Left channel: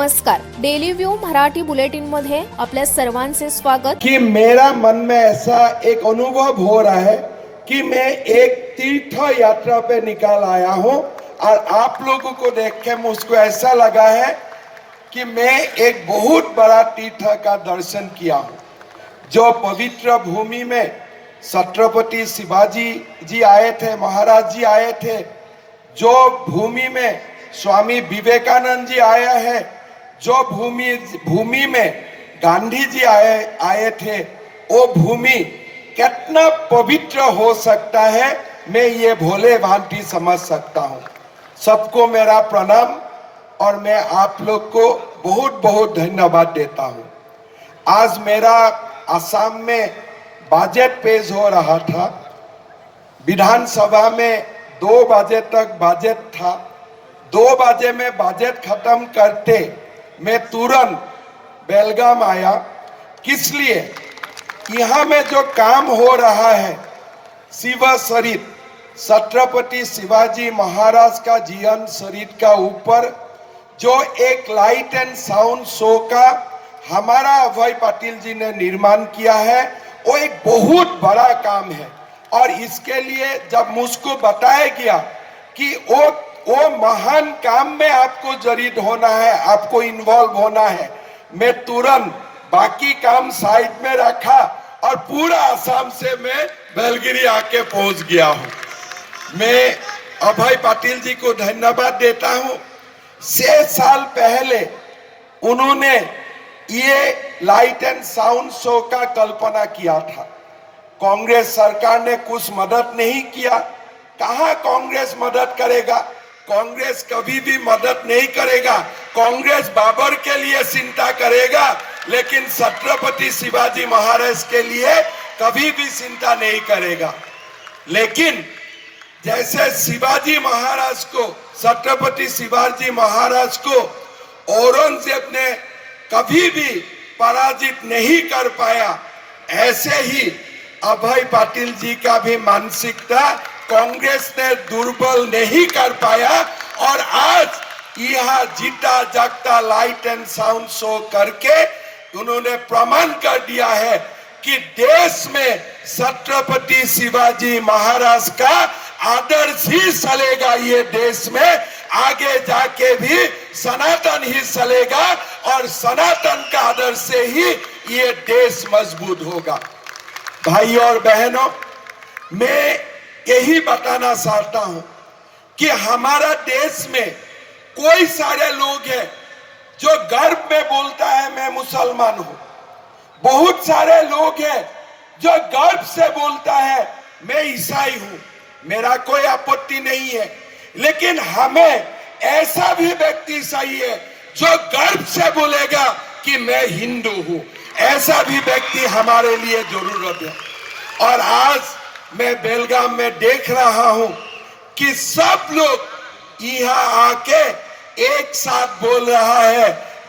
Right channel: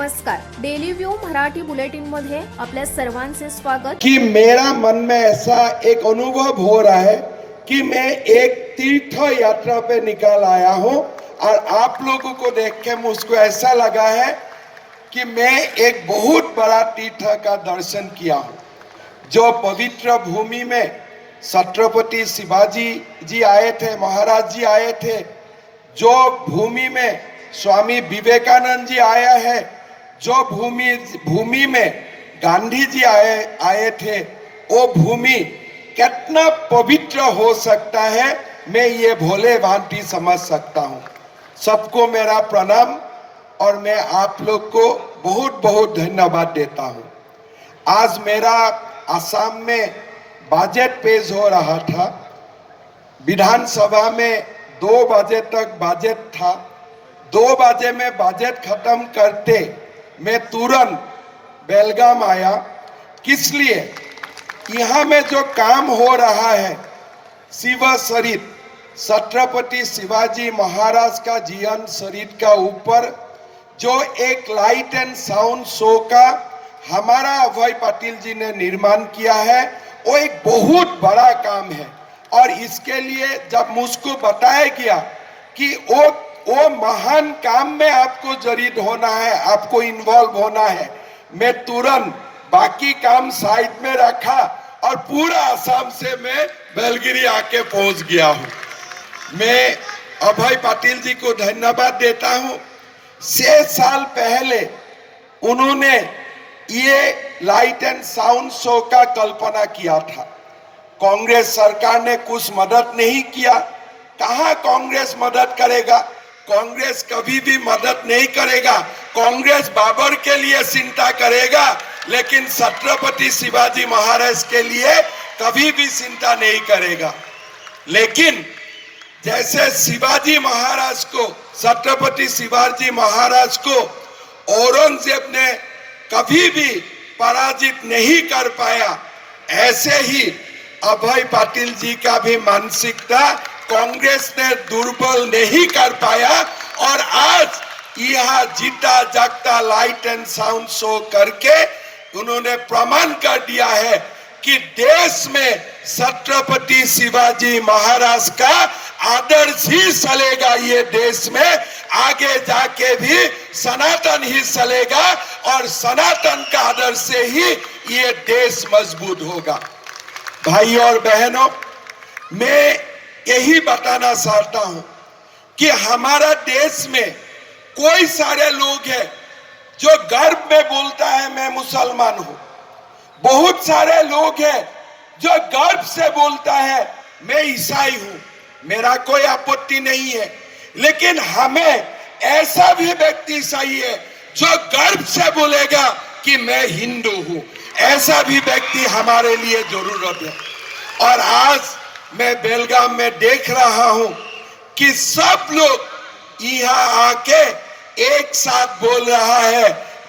नमस्कार, daily view Marathi bulletin मध्ये आपल्या सर्वांचे स्वागत। कि मेरा मन में ऐसा एक अनुभव हो रहा है कि मैं एक तीर्थ यात्रा पे निकल आया हूँ और आप लोगों को देख के मुझको ऐसा लगा है कि मैं एक बहुत बड़ा तीर्थ का दर्शन किया हूँ। जो पवित्र भूमि में छत्रपति शिवाजी जी आए थे, महाराज जी आए थे, जो भूमि में स्वामी विवेकानंद जी आया है, जो भूमि में गांधी जी आए थे, वो भूमि कितना पवित्र हो सकता है मैं ये भोले भांति समझ सकता हूँ। सबको मेरा प्रणाम और मैं आप लोग को बहुत बहुत धन्यवाद देता हूँ। आज मेरा असम में बजट पेश हो रहा था। विधानसभा में 2 बजे तक बजट था। 2 बजे में बजट खत्म करते मैं तुरंत बेलगाम आया। किस लिए? यहाँ में जो काम हो रहा है शिव चरित, छत्रपति शिवाजी महाराज का जीवन चरित का ऊपर जो एक लाइट एंड साउंड शो का हमारा अभय पाटिल जी ने निर्माण किया है, वो एक बहुत बड़ा काम है। और इसके लिए जब मुझको बताया गया कि वो महान काम में आपको जड़ित होना है, आपको इन्वॉल्व होना है, मैं तुरंत बाकी काम साइड में रखा और पूरा असम से मैं बेलगिरी आके पहुंच गया हूं। मैं अभय पाटिल जी को धन्यवाद देता हूं। 6 साल पहले उन्होंने ये लाइट एंड साउंड शो का कल्पना किया था। कांग्रेस सरकार ने कुछ मदद नहीं किया। कहां कांग्रेस मदद करेगा? कांग्रेस कभी भी मदद नहीं करेगा। कांग्रेस बाबर के लिए चिंता करेगा, लेकिन छत्रपति शिवाजी महाराज के लिए कभी भी चिंता नहीं करेगा। लेकिन जैसे शिवाजी महाराज को, छत्रपति शिवाजी महाराज को औरंगजेब ने कभी भी पराजित नहीं कर पाया, ऐसे ही अभय पाटिल जी का भी मानसिकता कांग्रेस ने दुर्बल नहीं कर पाया। और आज यह जीता जागता लाइट एंड साउंड शो करके उन्होंने प्रमाण कर दिया है कि देश में छत्रपति शिवाजी महाराज का आदर्श ही चलेगा। ये देश में आगे जाके भी सनातन ही चलेगा और सनातन का आदर्श से ही ये देश मजबूत होगा। भाइयों और बहनों, मैं यही बताना चाहता हूं कि हमारा देश में कोई सारे लोग हैं जो गर्व में बोलता है मैं मुसलमान हूं। बहुत सारे लोग हैं जो गर्व से बोलता है मैं ईसाई हूं। मेरा कोई आपत्ति नहीं है, लेकिन हमें ऐसा भी व्यक्ति चाहिए जो गर्व से बोलेगा कि मैं हिंदू हूं। ऐसा भी व्यक्ति हमारे लिए जरूरत है। और आज मैं बेलगाम में देख रहा हूं कि सब लोग यहाँ आके एक साथ बोल रहा है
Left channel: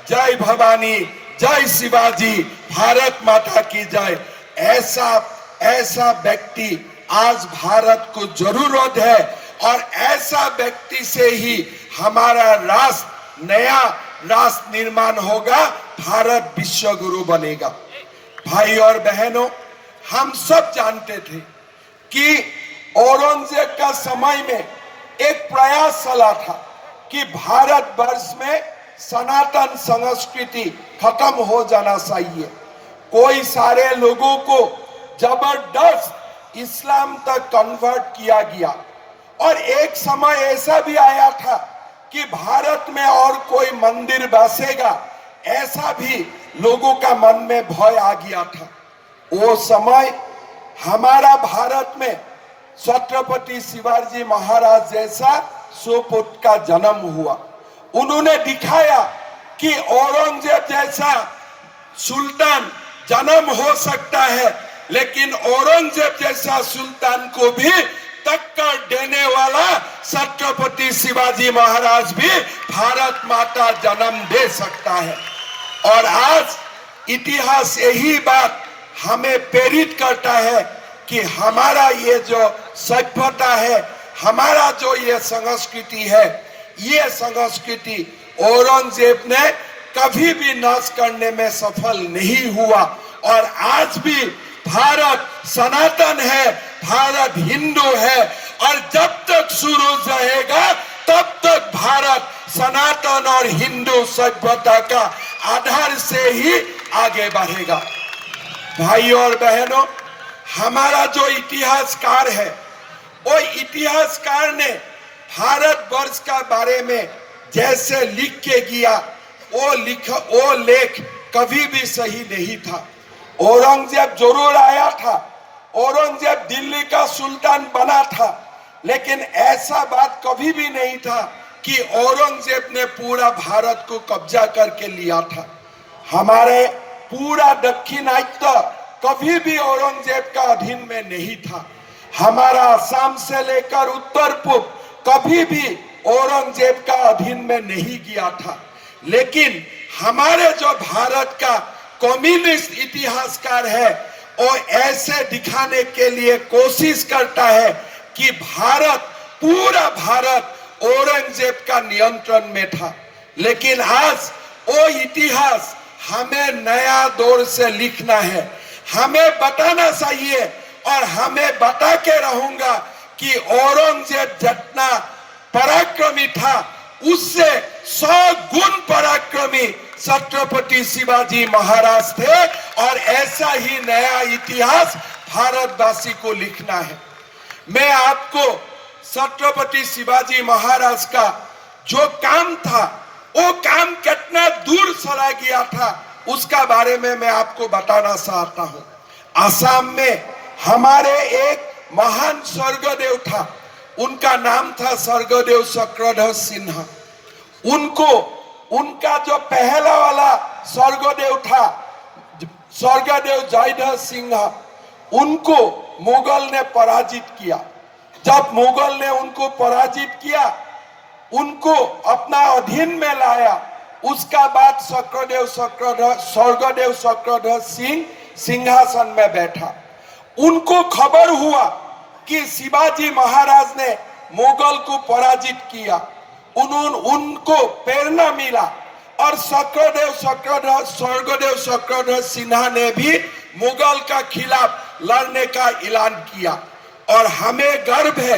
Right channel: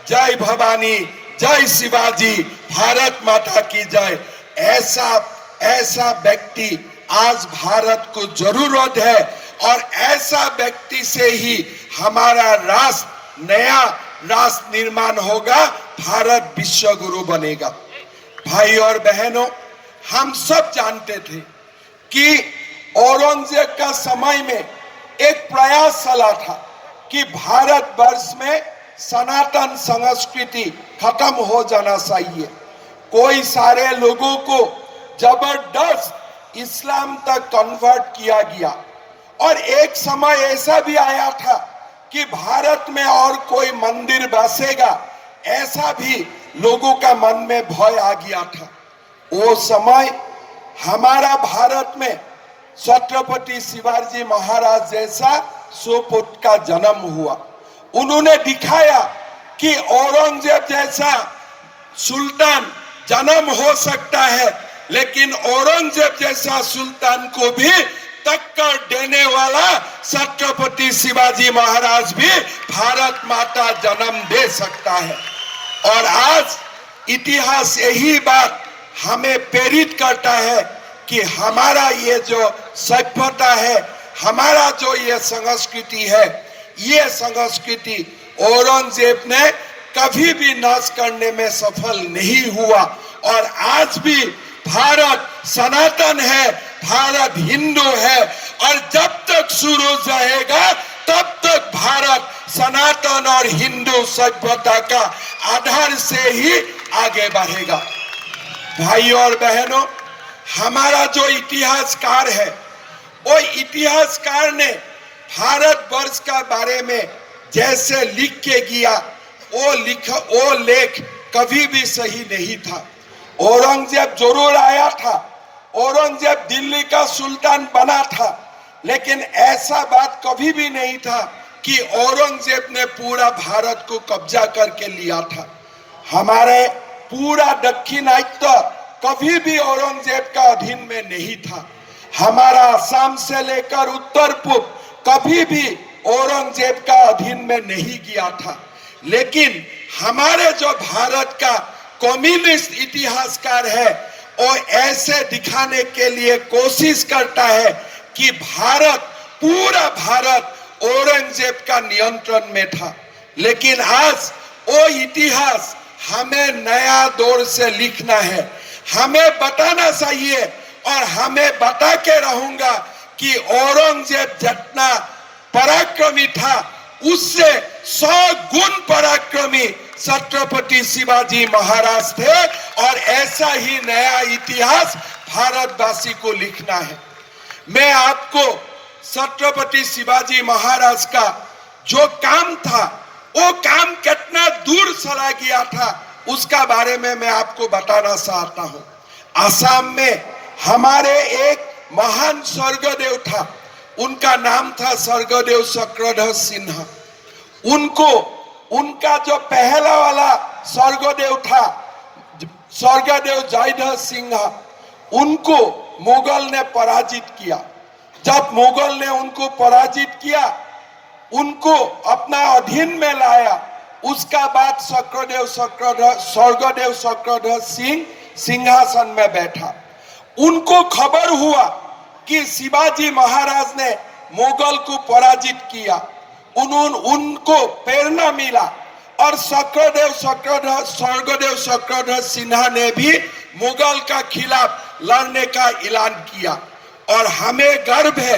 जय भवानी, जय शिवाजी, भारत माता की जय। ऐसा व्यक्ति आज भारत को जरूरत है और ऐसा व्यक्ति से ही हमारा राष्ट्र, नया राष्ट्र निर्माण होगा, भारत विश्व गुरु बनेगा। भाई और बहनों, हम सब जानते थे कि औरंगजेब का समय में एक प्रयास चला था कि भारत वर्ष में सनातन संस्कृति खत्म हो जाना चाहिए। कोई सारे लोगों को जबरदस्त इस्लाम तक कन्वर्ट किया गया और एक समय ऐसा भी आया था कि भारत में और कोई मंदिर बसेगा, ऐसा भी लोगों का मन में भय आ गया था। वो समय हमारा भारत में छत्रपति शिवाजी महाराज जैसा सुपुत्र का जन्म हुआ। उन्होंने दिखाया कि औरंगजेब जैसा सुल्तान जन्म हो सकता है, लेकिन औरंगजेब जैसा सुल्तान को भी टक्कर देने वाला छत्रपति शिवाजी महाराज भी भारत माता जन्म दे सकता है। और आज इतिहास यही बात हमें प्रेरित करता है कि हमारा ये जो सभ्यता है, हमारा जो ये संस्कृति है, ये संस्कृति औरंगजेब ने कभी भी नाश करने में सफल नहीं हुआ। और आज भी भारत सनातन है, भारत हिंदू है, और जब तक सूरज रहेगा तब तक भारत सनातन और हिंदू सभ्यता का आधार से ही आगे बढ़ेगा। भाइयों और बहनों, हमारा जो इतिहासकार है, वो इतिहासकार ने भारतवर्ष का बारे में जैसे लिख के गया, वो लेख कभी भी सही नहीं था। औरंगजेब जरूर आया था, औरंगजेब दिल्ली का सुल्तान बना था, लेकिन ऐसा बात कभी भी नहीं था कि औरंगजेब ने पूरा भारत को कब्जा करके लिया था। हमारे पूरा दक्षिणात्य कभी भी औरंगजेब का अधीन में नहीं था। हमारा असम से लेकर उत्तर पूर्व कभी भी औरंगजेब का अधीन में नहीं गया था। लेकिन हमारे जो भारत का कम्युनिस्ट इतिहासकार है, वो ऐसे दिखाने के लिए कोशिश करता है कि पूरा भारत औरंगजेब का नियंत्रण में था। लेकिन आज वो इतिहास हमें नया दौर से लिखना है, हमें बताना चाहिए, और हमें बता के रहूंगा कि औरंगजेब जितना पराक्रमी था, उससे 100 गुण पराक्रमी छत्रपति शिवाजी महाराज थे। और ऐसा ही नया इतिहास भारतवासी को लिखना है। मैं आपको छत्रपति शिवाजी महाराज का जो काम था, वो काम कितना दूर चला गया था, उसका बारे में मैं आपको बताना चाहता हूँ। असम में हमारे एक महान स्वर्गदेव था, उनका नाम था स्वर्गदेव चक्रधर सिन्हा। उनका जो पहला वाला स्वर्गदेव था, स्वर्गदेव जयधर सिंह, उनको मुगल ने पराजित किया। जब मुगल ने उनको पराजित किया, उनको अपना अधीन में लाया, उसका बाद स्वर्गदेव चक्रधर सिंह सिंहासन में बैठा। उनको खबर हुआ कि शिवाजी महाराज ने मुगल को पराजित किया। उनको प्रेरणा मिला, और स्वर्गदेव चक्रधर सिन्हा ने भी मुगल का खिलाफ लड़ने का ऐलान किया। और हमें गर्व है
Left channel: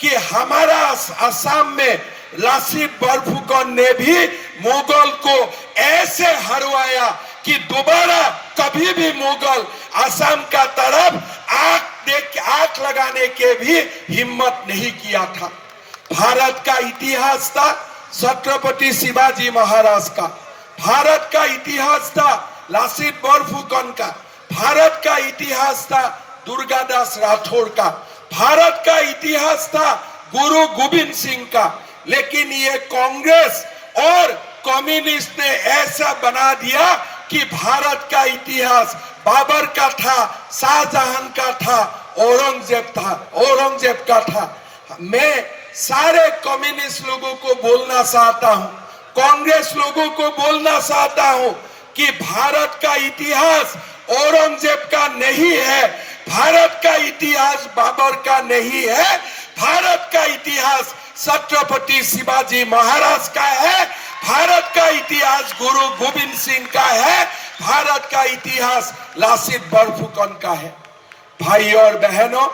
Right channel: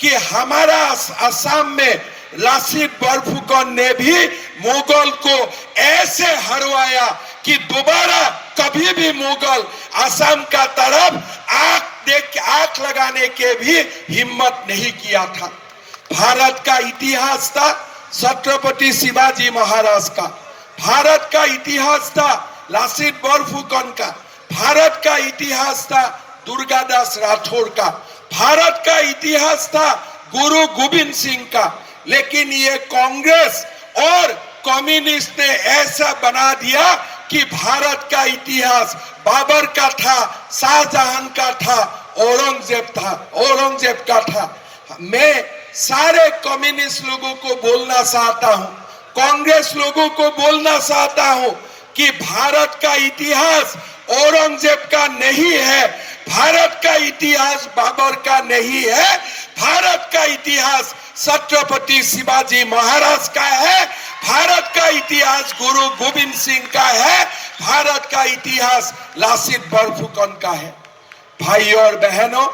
कि हमारा असम में लासीत बरफुकन ने भी मुगल को ऐसे हरवाया कि दोबारा कभी भी मुगल असम का तरफ आंख लगाने के भी हिम्मत नहीं किया था। भारत का इतिहास था छत्रपति शिवाजी महाराज का, भारत का इतिहास था लासीत बरफुकन का, भारत का इतिहास था दुर्गादास राठौर का, भारत का इतिहास था गुरु गोविंद सिंह का। लेकिन ये कांग्रेस और कम्युनिस्ट ने ऐसा बना दिया कि भारत का इतिहास बाबर का था, शाहजहां का था, औरंगजेब का था। मैं सारे कम्युनिस्ट लोगों को बोलना चाहता हूं, कांग्रेस लोगों को बोलना चाहता हूं कि भारत का इतिहास औरंगजेब का नहीं है, भारत का इतिहास बाबर का नहीं है, भारत का इतिहास छत्रपति शिवाजी महाराज का है, भारत का इतिहास गुरु गोविंद सिंह का है, भारत का इतिहास लासीत बरफुकन का है। भाइयों और बहनों,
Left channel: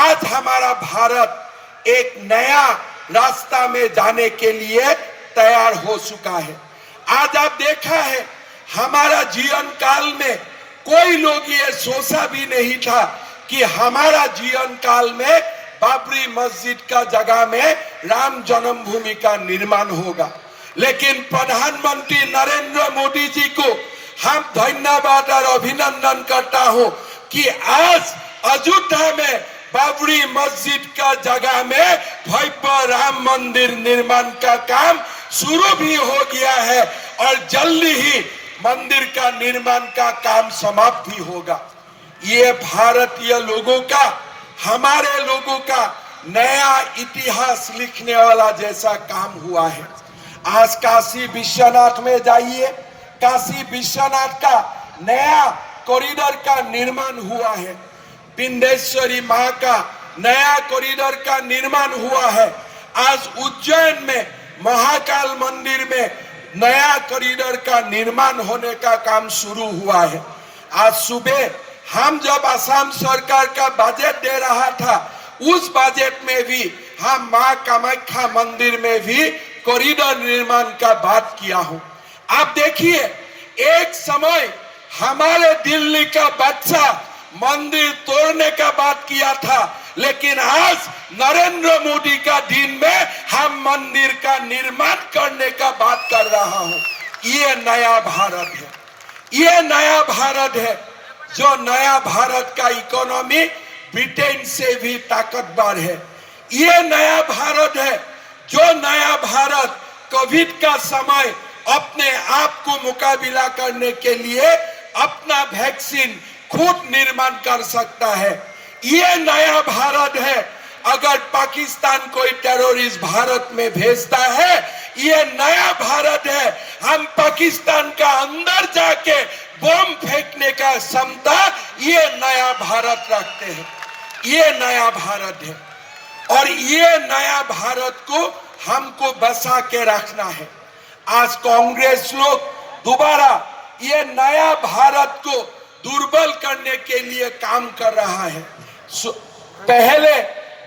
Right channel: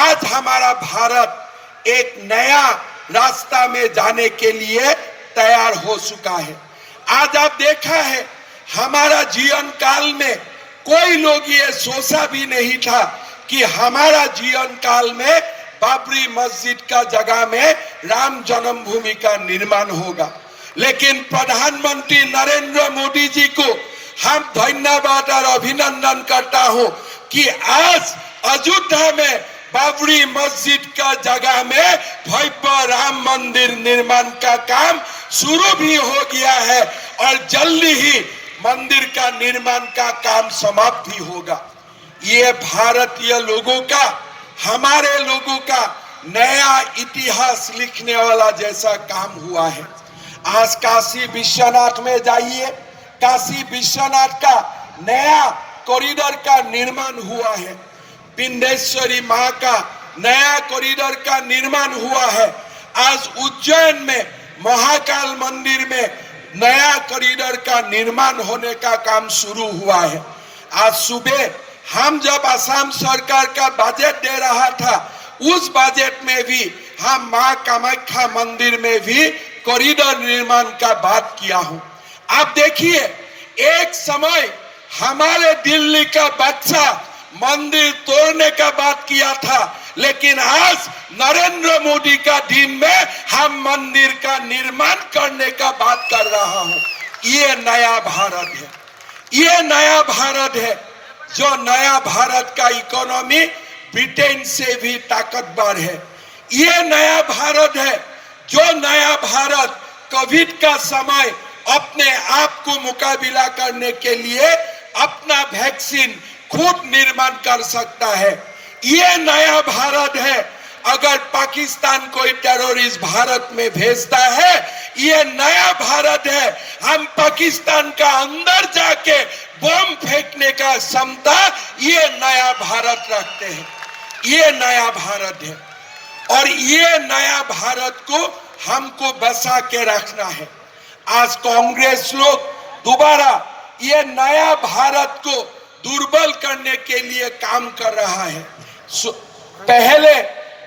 आज हमारा भारत एक नया रास्ता में जाने के लिए तैयार हो चुका है। आज आप देखा है, हमारा जीवन काल में कोई लोग ये सोचा भी नहीं था कि हमारा जीवन काल में बाबरी मस्जिद का जगह में राम जन्मभूमि का निर्माण होगा। लेकिन प्रधानमंत्री नरेंद्र मोदी जी को हम धन्यवाद और अभिनंदन करता हूं कि आज अयोध्या में बाबरी मस्जिद का जगह में भव्य राम मंदिर निर्माण का काम शुरू भी हो गया है, और जल्दी ही मंदिर का निर्माण का काम समाप्त भी होगा। ये भारतीय लोगों का, हमारे लोगों का नया इतिहास लिखने वाला जैसा काम हुआ है। आज काशी विश्वनाथ में जाइए, काशी विश्वनाथ का नया कॉरिडोर का निर्माण हुआ है, पिंडेश्वरी मां का नया कॉरिडोर का निर्माण हुआ है। आज उज्जैन में महाकाल मंदिर में नया कॉरिडोर का निर्माण होने का काम शुरू हुआ है। आज सुबह हम जब असम सरकार का बजट दे रहा था, उस बजट में भी हम मां कामाख्या मंदिर में भी कॉरिडोर निर्माण का बात किया हूं। आप देखिए, एक समय हमारे दिल्ली का बच्चा मंदिर तोड़ने का बात किया था, लेकिन आज नरेंद्र मोदी का दिन में हम मंदिर का निर्माण करने का बात कर रहा हूं। ये नया भारत है, ये नया भारत है। जो नया भारत का इकोनॉमी ब्रिटेन से भी ताकतवर है। ये नया भारत है, जो नया भारत कोविड का समय अपने आप को मुकाबला करने के लिए अपना वैक्सीन खुद निर्माण कर सकता है। ये नया भारत है। अगर पाकिस्तान कोई टेररिस्ट भारत में भेजता है, ये नया भारत है। हम पाकिस्तान का अंदर जाके बम फेंकने का क्षमता ये नया भारत रखते हैं। ये नया भारत है और ये नया भारत को हमको बचा के रखना है। आज कांग्रेस लोग दोबारा ये नया भारत को दुर्बल करने के लिए काम कर रहा है। पहले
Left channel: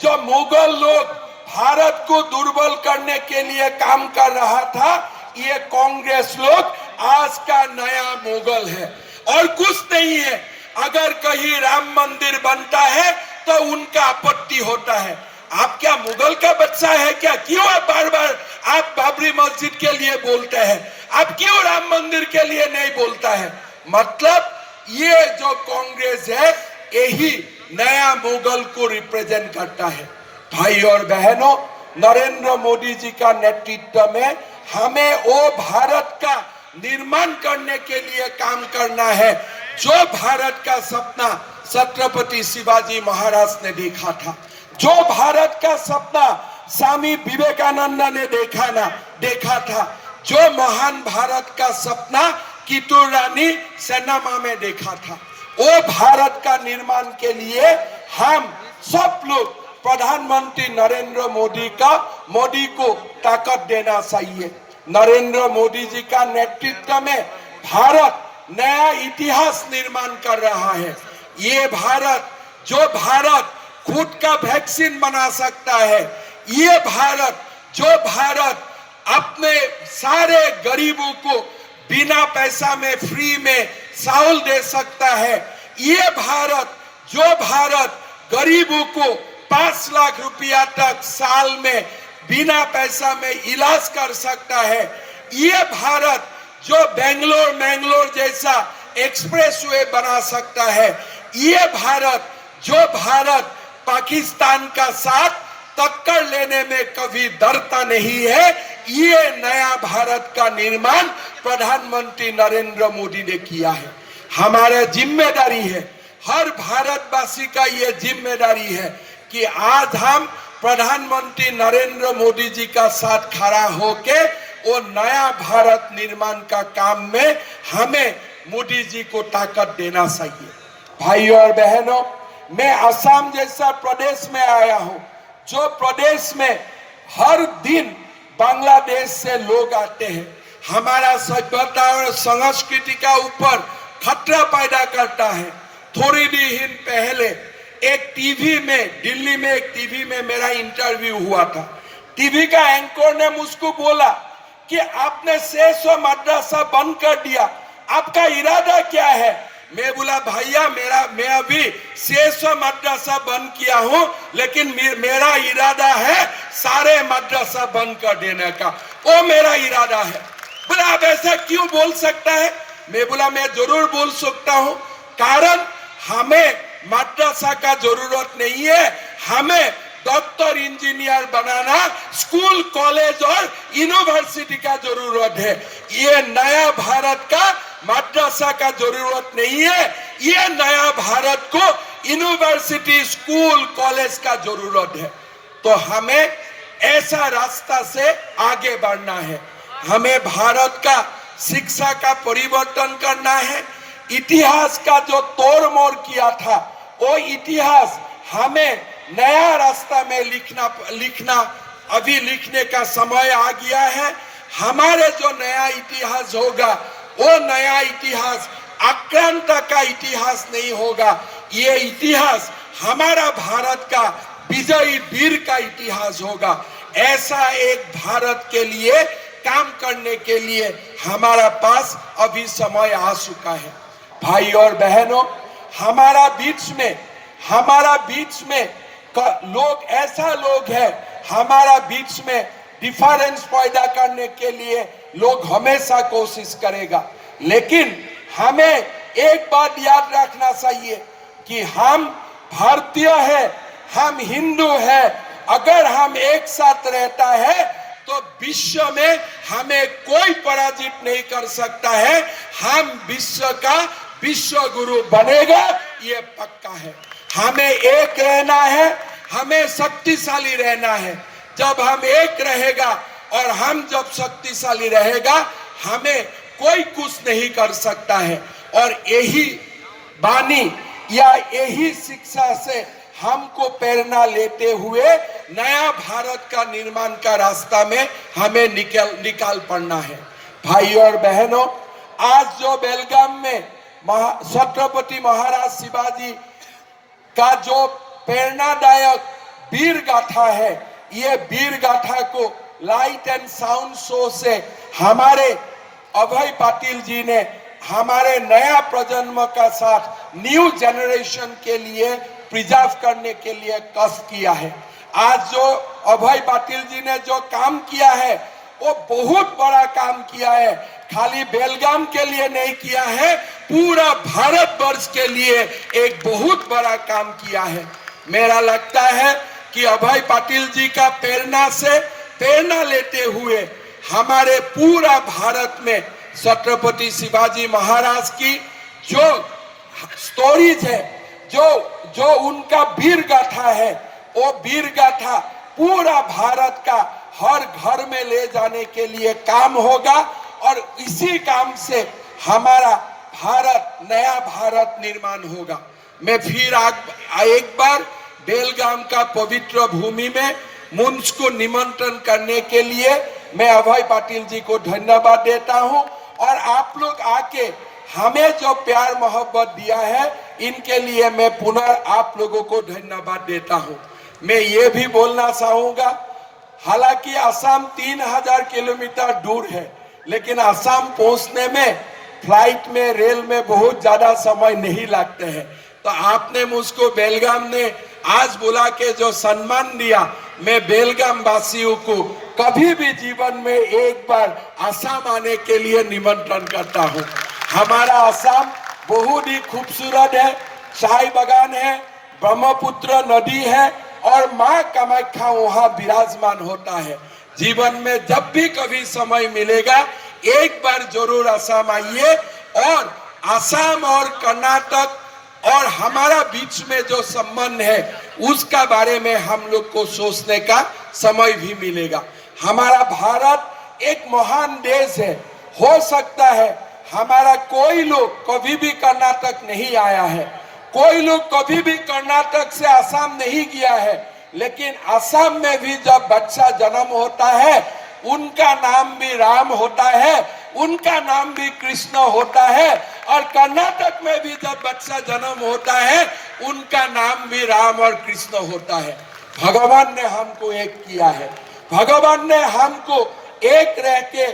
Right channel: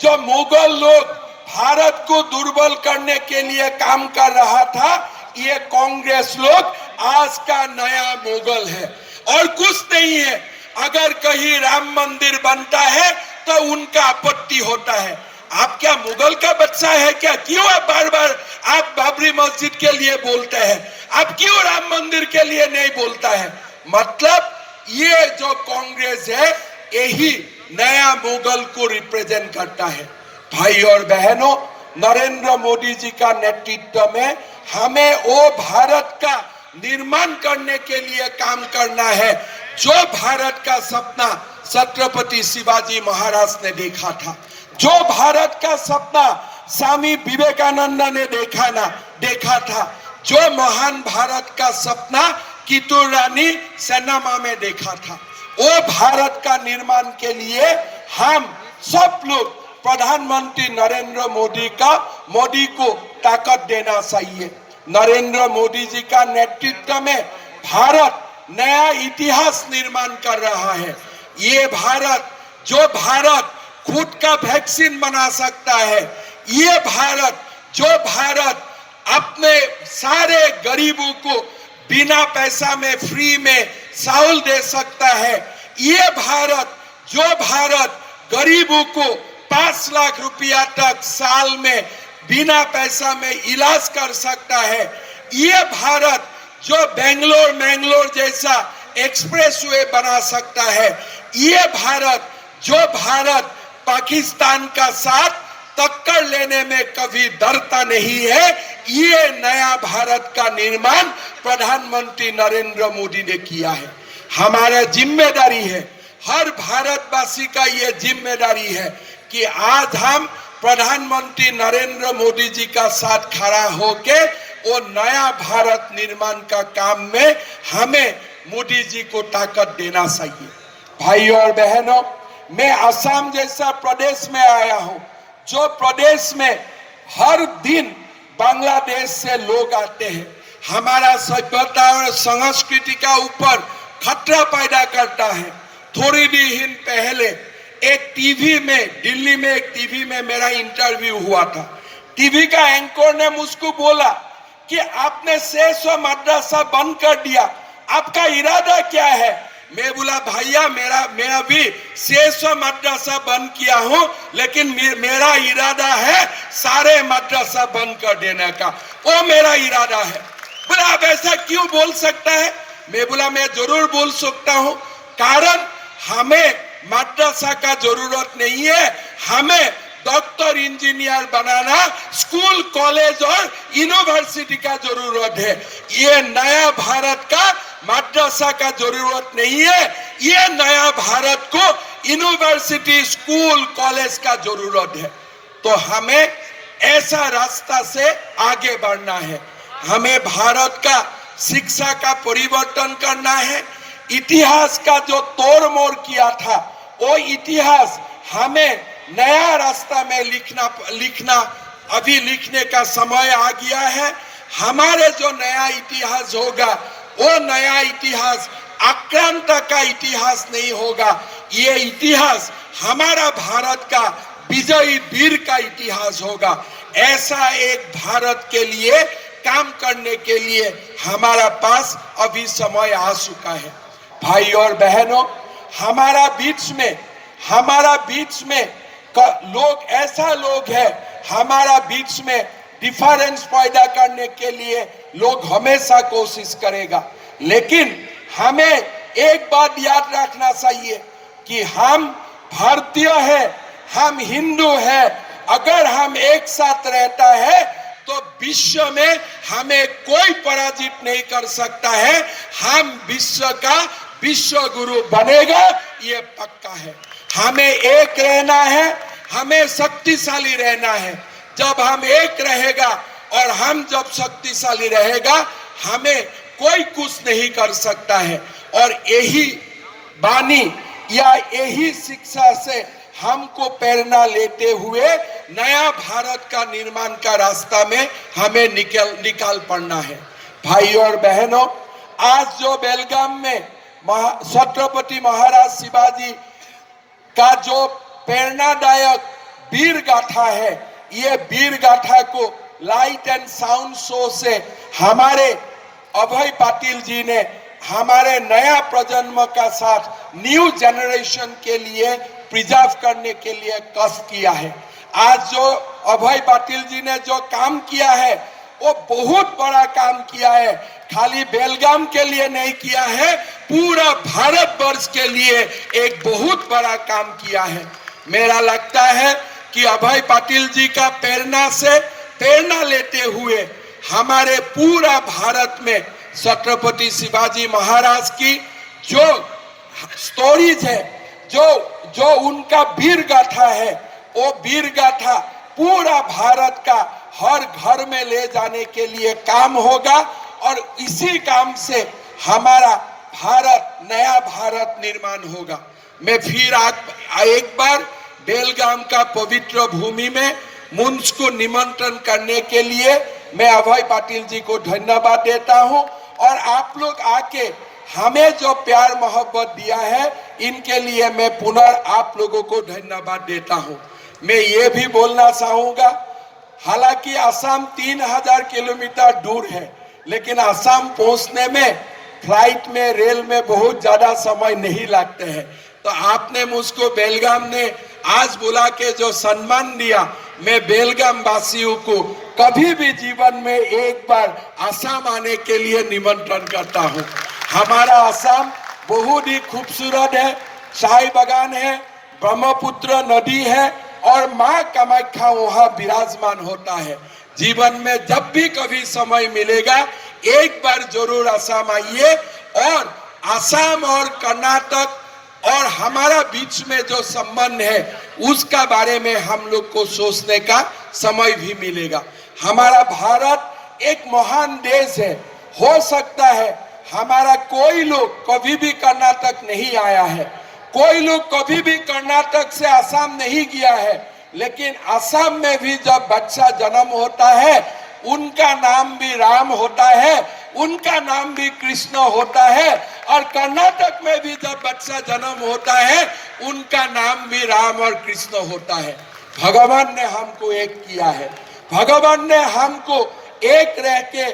जो मुगल लोग भारत को दुर्बल करने के लिए काम कर रहा था, ये कांग्रेस लोग आज का नया मुगल है और कुछ नहीं है। अगर कहीं राम मंदिर बनता है तो उनका आपत्ति होता है। आप क्या मुगल का बच्चा है क्या? क्यों आप बार बार आप बाबरी मस्जिद के लिए बोलते हैं? आप क्यों राम मंदिर के लिए नहीं बोलता है? मतलब ये जो कांग्रेस है, यही नया मुगल को रिप्रेजेंट करता है। भाई और बहनों, नरेंद्र मोदी जी का नेतृत्व में हमें वो भारत का निर्माण करने के लिए काम करना है जो भारत का सपना छत्रपति शिवाजी महाराज ने देखा था, जो भारत का सपना स्वामी विवेकानंद ने देखा था, जो महान भारत का सपना कितूर रानी चेन्नम्मा में देखा था। वो भारत का निर्माण के लिए हम सब लोग प्रधानमंत्री नरेंद्र मोदी को ताकत देना चाहिए। नरेंद्र मोदी जी का नेतृत्व में भारत नया इतिहास निर्माण कर रहा है। ये भारत, जो भारत खुद का वैक्सीन बना सकता है, ये भारत, जो भारत अपने सारे गरीबों को बिना पैसा में फ्री में चावल दे सकता है, ये भारत, जो भारत गरीबों को 5 लाख रुपया तक साल में बिना पैसा में इलाज कर सकता है, ये भारत जो बेंगलोर जैसा एक्सप्रेस वे बना सकता है, ये भारत, जो भारत पाकिस्तान का साथ टक्कर लेने में कभी डरता नहीं है, ये नया भारत का निर्माण प्रधानमंत्री नरेंद्र मोदी ने किया है। हमारे जिम्मेदारी है, हर भारतवासी का ये जिम्मेदारी है कि आज हम प्रधानमंत्री नरेंद्र मोदी जी का साथ खड़ा होके वो नया भारत निर्माण का काम में हमें मोदी जी को ताकत देना चाहिए। भाइयों और बहनों, मैं असम जैसा प्रदेश में आया हूं, जो प्रदेश में हर दिन बांग्लादेश से लोग आते हैं, हमारा सभ्यता और संस्कृति का ऊपर खतरा पैदा करता है। थोड़ी दिन पहले एक टीवी में, दिल्ली में एक टीवी में मेरा इंटरव्यू हुआ था। टीवी का एंकर ने मुझको बोला कि आपने 600 मदरसा बंद कर दिया, आपका इरादा क्या है? मैं बोला, भैया मैं अभी 600 मदरसा बंद किया हूं, लेकिन मेरा इरादा है सारे मदरसा बंद कर देने का, वो मेरा इरादा है। बोला, आप ऐसा क्यों बोल सकता है? मैं बोला, मैं जरूर बोल सकता हूं, कारण हमें मदरसा का जरूरत नहीं है, हमें डॉक्टर इंजीनियर बनाना, स्कूल कॉलेज और यूनिवर्सिटी का जरूरत है। ये नया भारत का मदरसा का जरूरत नहीं है, ये नया भारत को यूनिवर्सिटी, स्कूल, कॉलेज का जरूरत है। तो हमें ऐसा रास्ता से आगे बढ़ना है। हमें भारत का शिक्षा का परिवर्तन करना है। इतिहास का जो तोड़ मोड़ किया था, वो इतिहास हमें नया रास्ता में लिखना अभी लिखने का समय आ गया है। हमारे जो नया इतिहास होगा वो नया इतिहास आक्रांत का इतिहास नहीं होगा। ये इतिहास हमारा भारत का विजयी वीर का इतिहास होगा। ऐसा एक भारत के लिए काम करने के लिए हमारा पास अभी समय आ चुका है। भाई और बहनों, हमारा बीच में लोग ऐसा लोग है, हमारा बीच में डिफरेंस पैदा करने के लिए लोग हमेशा कोशिश करेगा, लेकिन हमें एक बात याद रखना चाहिए कि हम भारतीय हैं, हम हिंदू हैं। अगर हम एक साथ रहता है तो विश्व में हमें कोई पराजित नहीं कर सकता है। हम विश्व का विश्व गुरु बनेगा, ये पक्का है। हमें एक रहना है, हमें शक्तिशाली रहना है। जब हम एक रहेगा और हम जब शक्तिशाली रहेगा, हमें कोई कुछ नहीं कर सकता है। और यही वाणी या यही शिक्षा से हमको प्रेरणा लेते हुए नया भारत का निर्माण का रास्ता में हमें निकाल पड़ना है। भाई और बहनों, आज जो बेलगाम में छत्रपति महाराज शिवाजी का जो प्रेरणादायक वीर गाथा है, ये वीर गाथा को लाइट एंड साउंड शो से हमारे अभय पाटिल जी ने हमारे नया प्रजन्म का साथ न्यू जनरेशन के लिए प्रिजर्व करने के लिए कष्ट किया है। आज जो अभय पाटिल जी ने जो काम किया है वो बहुत बड़ा काम किया है। खाली बेलगाम के लिए नहीं किया है, पूरा भारतवर्ष के लिए एक बहुत बड़ा काम किया है। मेरा लगता है कि अभय पाटिल जी का प्रेरणा लेते हुए हमारे पूरा भारत में छत्रपति शिवाजी महाराज की जो स्टोरीज है, जो उनका वीर गाथा है, वो वीर गाथा पूरा भारत का हर घर में ले जाने के लिए काम होगा। और इसी काम से हमारा भारत, नया भारत निर्माण होगा। मैं फिर एक बार बेलगाम का पवित्र भूमि में मुंश को निमंत्रण करने के लिए मैं अभय पाटिल जी को धन्यवाद देता हूं। और आप लोग आके हमें जो प्यार मोहब्बत दिया है, इनके लिए मैं पुनः आप लोगों को धन्यवाद देता हूं। मैं ये भी बोलना चाहूंगा, हालांकि असम 3000 किलोमीटर दूर है, लेकिन असम पहुंचने में फ्लाइट में, रेल में बहुत ज्यादा समय नहीं लगते हैं। तो आपने मुझको बेलगाम ने आज बुला के जो सम्मान दिया, मैं बेलगाम वासियों को कभी भी जीवन में एक बार असम आने के लिए निमंत्रण करता हूं। हमारा असम बहुत ही खूबसूरत है, चाय बागान है, ब्रह्मपुत्र नदी है और माँ कामाख्या वहाँ विराजमान होता है। जीवन में जब भी कभी समय मिलेगा, एक बार जरूर असम आइए। और असम और कर्नाटक और हमारा बीच में जो संबंध है, उसका बारे में हम लोग को सोचने का समय भी मिलेगा। हमारा भारत एक महान देश है। हो सकता है हमारा कोई लोग कभी भी कर्नाटक नहीं आया है, कोई लोग कभी भी कर्नाटक से असम नहीं गया है, लेकिन असम में भी जब बच्चा जन्म होता है, उनका नाम भी राम होता है, उनका नाम भी कृष्ण होता है। और कर्नाटक में भी जब बच्चा जन्म होता है, उनका नाम भी राम और कृष्ण होता है। भगवान ने हमको एक किया है, भगवान ने हमको एक रह के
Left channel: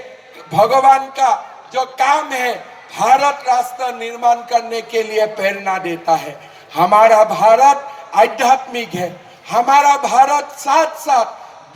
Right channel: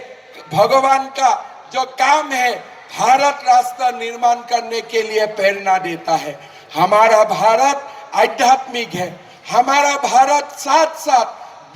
भगवान का जो काम है भारत राष्ट्र निर्माण करने के लिए प्रेरणा देता है। हमारा भारत आध्यात्मिक है, हमारा भारत साथ साथ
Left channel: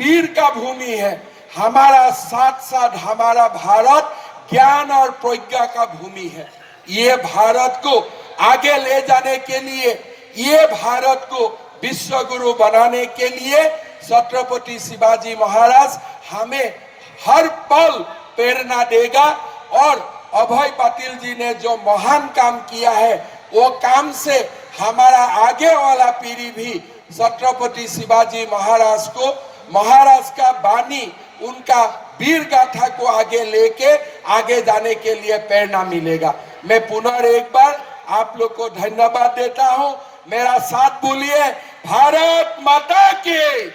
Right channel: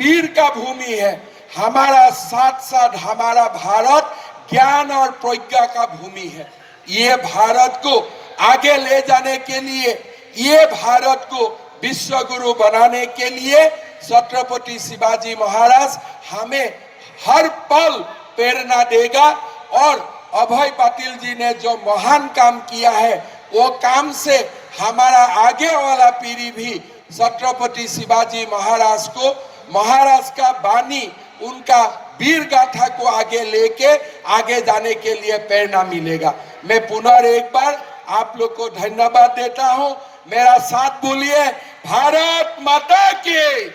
वीर का भूमि है, हमारा साथ साथ हमारा भारत ज्ञान और प्रज्ञा का भूमि है। ये भारत को आगे ले जाने के लिए, ये भारत को विश्व गुरु बनाने के लिए छत्रपति शिवाजी महाराज हमें हर पल प्रेरणा देगा। और अभय पाटिल जी ने जो महान काम किया है, वो काम से हमारा आगे वाला पीढ़ी भी छत्रपति शिवाजी महाराज को, महाराज का वाणी, उनका वीर गाथा को आगे लेके आगे जाने के लिए प्रेरणा मिलेगा। मैं पुनः एक बार आप लोग को धन्यवाद देता हूं। मेरा साथ बोलिए, भारत माता की,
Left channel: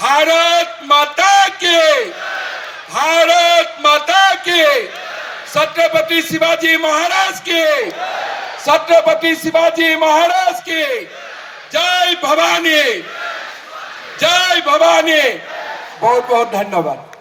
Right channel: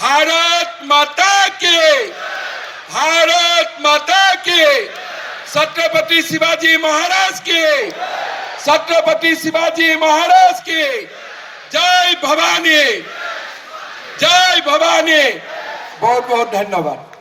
भारत माता की, भारत माता की, छत्रपति शिवाजी महाराज की, छत्रपति शिवाजी महाराज की जय भवानी, जय भवानी। बहुत बहुत धन्यवाद।